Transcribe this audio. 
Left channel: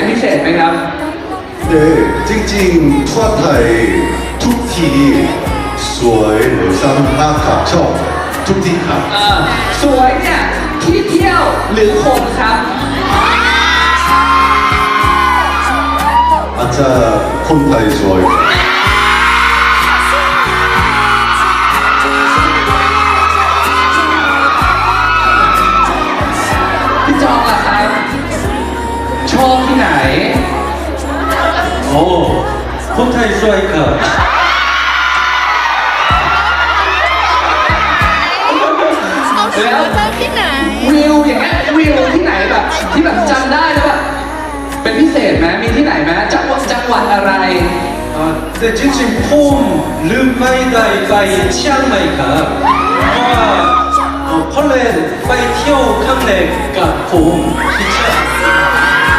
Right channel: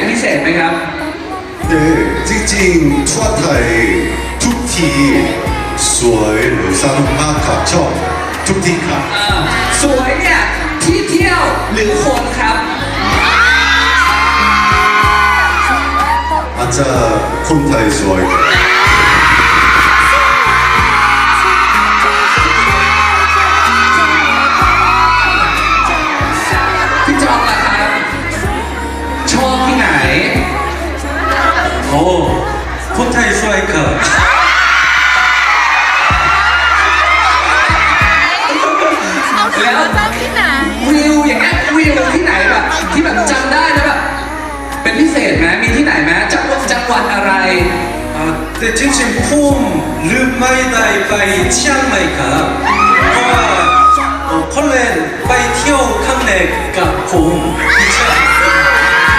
ไหนพิเศษไหมครับเด็กจริงๆ ทั่วไทยทุกที สวยหรือซ้ำมากคับชอบทุกทีครับ สวยเนี่ยที่เที่ยวหรือคนครับอาจจะคนไทยสวย พี่จองล่ะครับไหนโอ้คนไทยสวยเกิดเราจำที่ไหนวิวอย่างเงี้ยวิวที่ไหนแบบที่แบบจำได้แล้วแบบเป็นพิเศษไหมมีที่ไหนไหมจังหวัดจังหวัดอะไรเออจริงจริงพุ่มลืมไม่ได้ไปเชียงใหม่ครับก็เพราะเล่นไปเที่ยวข้างในกับพุ่มที่เชียง